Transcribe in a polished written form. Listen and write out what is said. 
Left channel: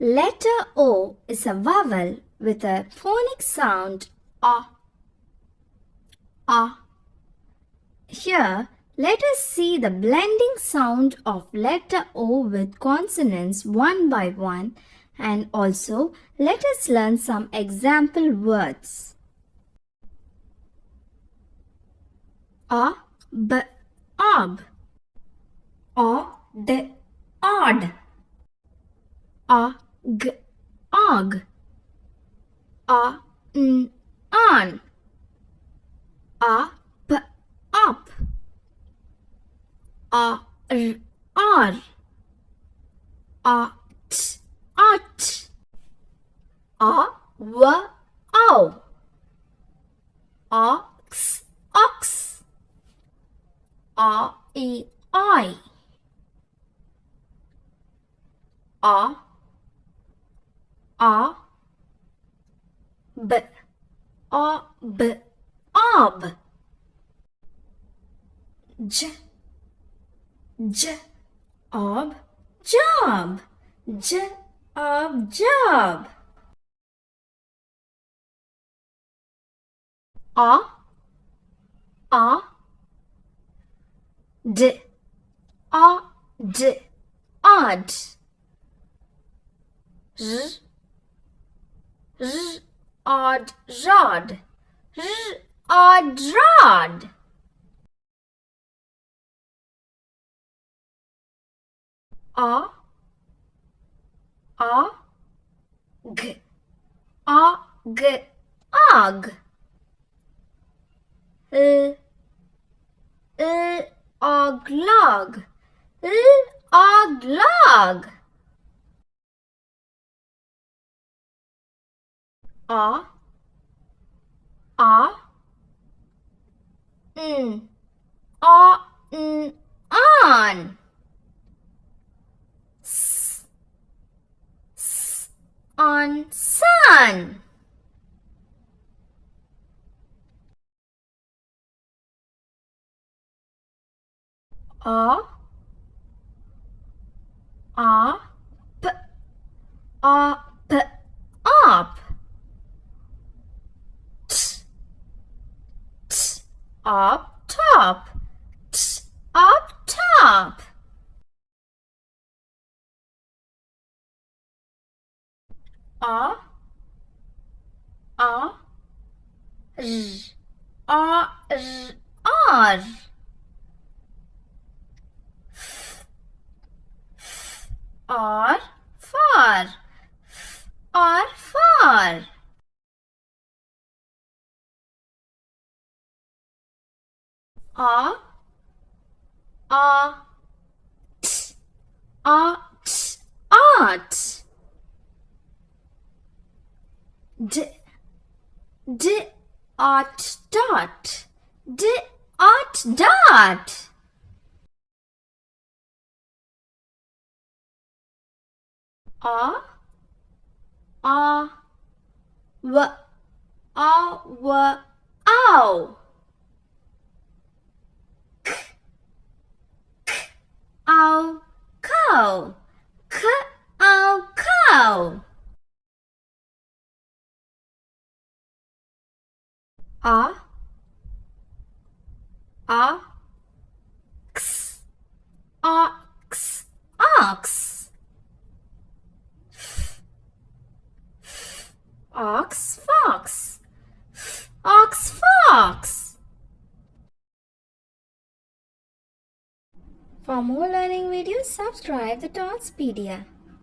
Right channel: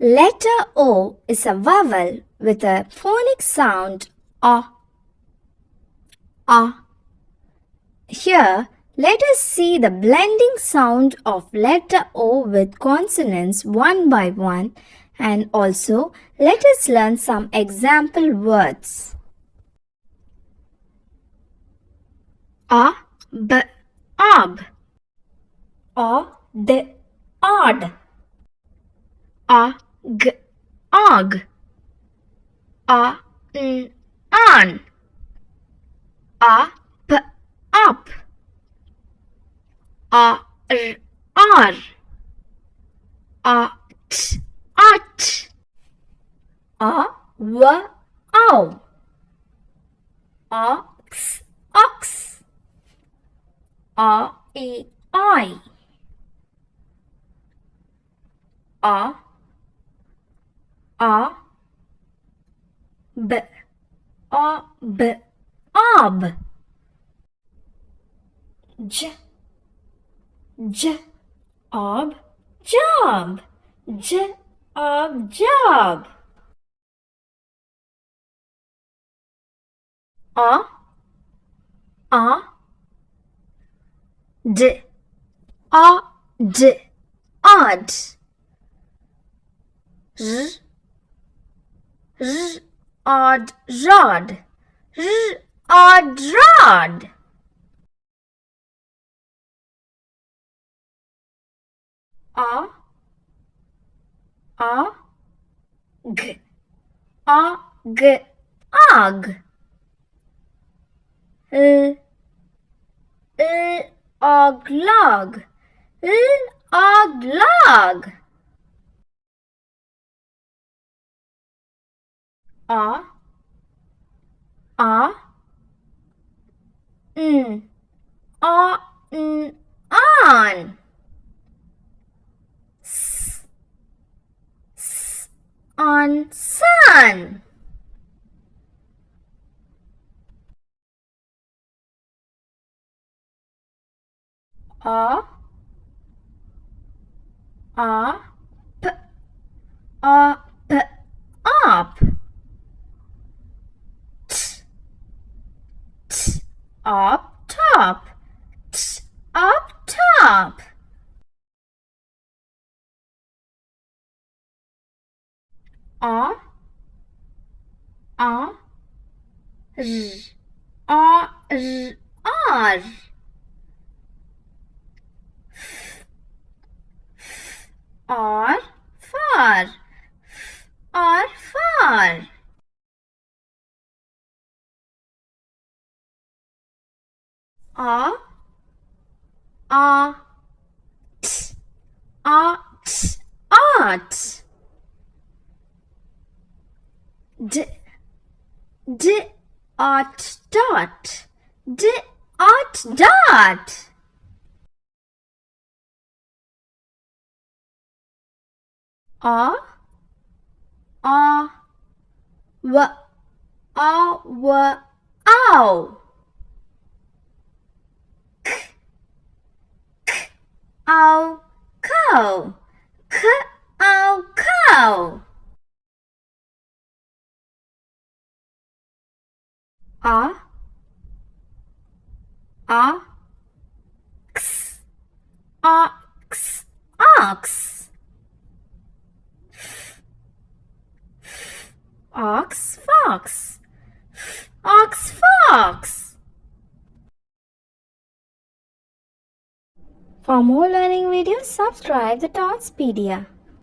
Letter O is a vowel with a phonic sound A. A. Here, let us see the blending sound of letter O with consonants one by one, and also let us learn some example words. A, b, ab. A, d, odd. A, g, og. A, n, on. A, p, up. A, r, r. A, t, at. A, w, ow. Ox, ox. A, e, I. A, b, a, b, ob. J, j, ob, job. J, ob, job. A, d, odd, odd. R, odd, rod. Odd, rod. A, g, og, og. Oglog. Oglog. A, n, on. On, sun. A, p, up. T, up top. T, up top. A, r, r. R, far. R, far. A, t, at, art. D, at, dot. D, at, dot. A, w, ow. Ow, cow. Ow, cow. A, x, ox, ox. Ox, fox. Ox, fox. For more learning videos, subscribe the Talkspedia.